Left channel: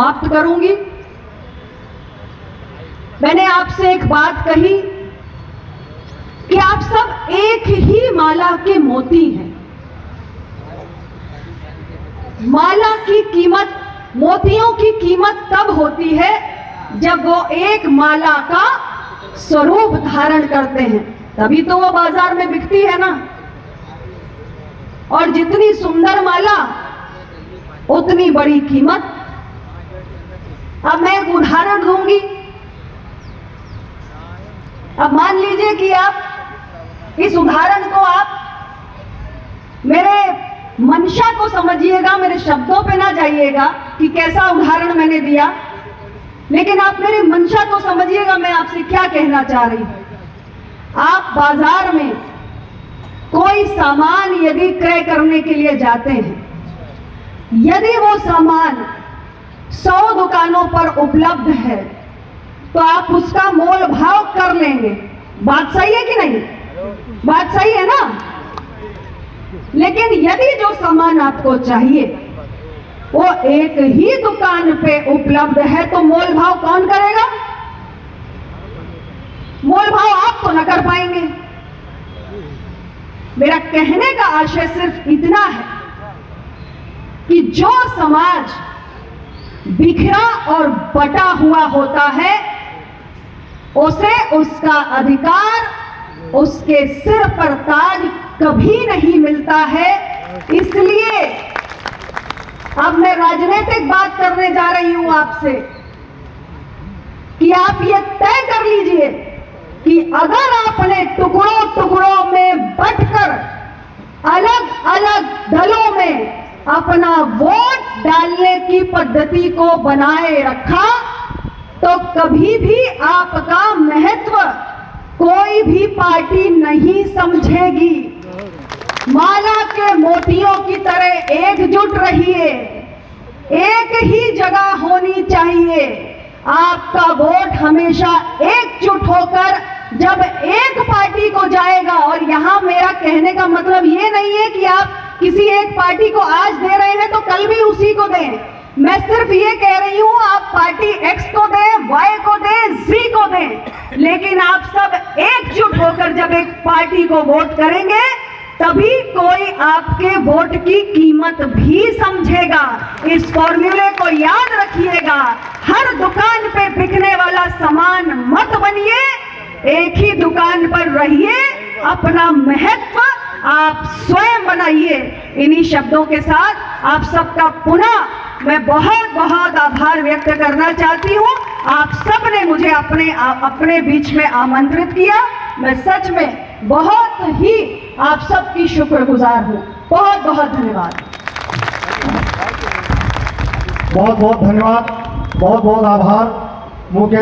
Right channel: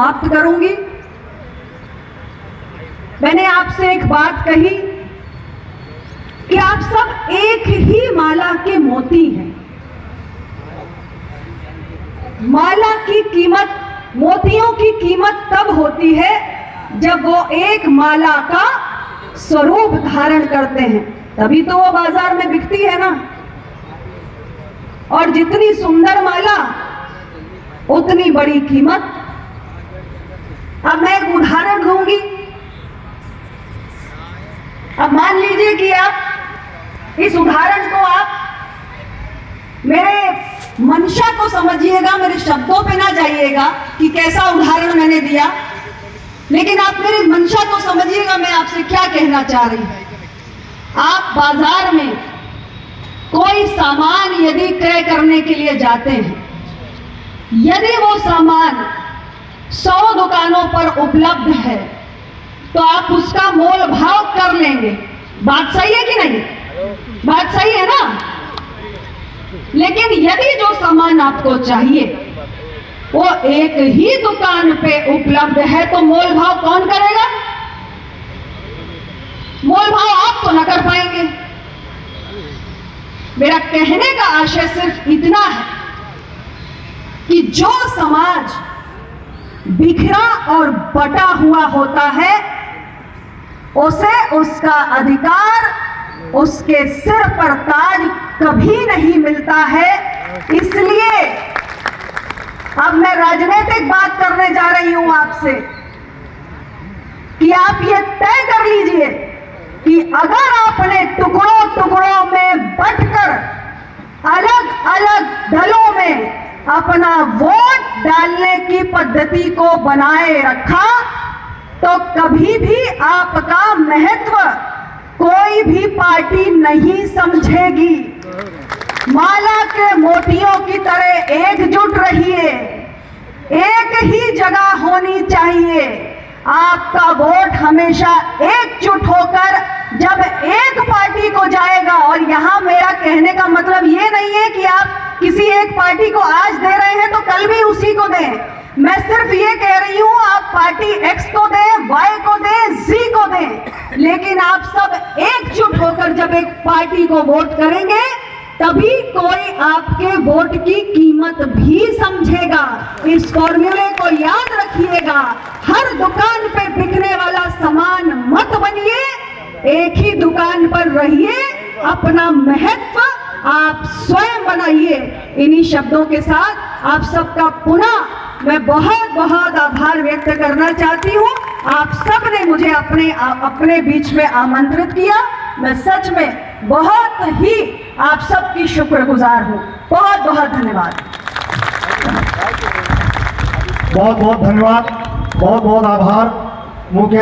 समाप्त करूंगी। मैंने आपसे एक बात कही कि आप सब एक ही माला के मोती हैं। माला की कीमत, मोतियों की कीमत तब होती है जब वो एक माला का स्वरूप धारण करते हैं, तभी तो वो बाजार में बिकती है ना। और जितनी सुंदर माला उतनी बड़ी कीमत। अब मैं एक उदाहरण दूंगी। अब मान लीजिए कि आप इस उदाहरण को आप मेरे मंशा को समझिएगा, मेरे शब्दों पे ना जाइएगा कि कैसा उदाहरण मैंने दिया, लेकिन आप मेरी मंशा को समझिएगा मैं आपसे क्या कहना चाह रही हूं। आप बाजार में कोई सामान यदि क्रय करने के लिए जाते हैं, यदि वो सामान 100 दुकानों पर उपलब्ध है तो आप उसका मोल भाव कर लेंगे। बात सही है कि नहीं? बात सही है ना? लेकिन यदि जो सामान आपको चाहिए वो एक ही दुकान पे उपलब्ध है तो मोल भाव कौन करेगा? मोल भाव आप तो न कर पाएंगे। मेरा कहने का आशय सिर्फ इतना है कि जो समाज बिखरा और बटा हुआ होता है उसे उसका अधिकार, उसके सिर पर ताज कभी नहीं मिलता है। इसलिए अब मैं राजनीतिक बात करने जा रही हूं आपसे कि आप ये तय कर लीजिए कि अगर आपने टुकड़ों टुकड़ों में बंटकर अलग अलग दलों में अपना वोट डालने की पद्धति को बनाए रखा तो कभी भी आपका महत्व कोई भी पार्टी नहीं समझेगी। माला के मोतियों की तरह एकजुट रहिए, एक ही जगह होनी चाहिए। आपका वोट हमेशा एकजुट होकर जब एक पार्टी को जाएगा, और यहां मेरा कहने का मतलब ये नहीं है कि आप किसी एक पार्टी को आज दे रहे हैं तो कल भी उसी को दें। मैं सिर्फ ये कह रही हूं आप पार्टी एक्स को दें, वाई को दें, जी को दें, लेकिन आप सब एकजुट होकर जब एक पार्टी को वोट करेंगे तभी कोई आपके वोट की कीमत भी समझेगा। इस फॉर्मूले को याद रखिएगा। हर दुकान पे बिकने वाला सामान मत बनिए, एक ही दुकान पर रहिए, अपना महत्व आप स्वयं बनाइए। इन्हीं शब्दों के साथ आप सबका पुनः मैं बहुत बहुत आभार व्यक्त करना चाहती हूँ। आप सब ने मुझे अपने बीच में आमंत्रित किया। मैं सच में बहुत ही आप सबकी शुक्रगुजार हूँ। बहुत बहुत धन्यवाद। बहुत बहुत धन्यवाद, बहुत बहुत आभार। मुख्य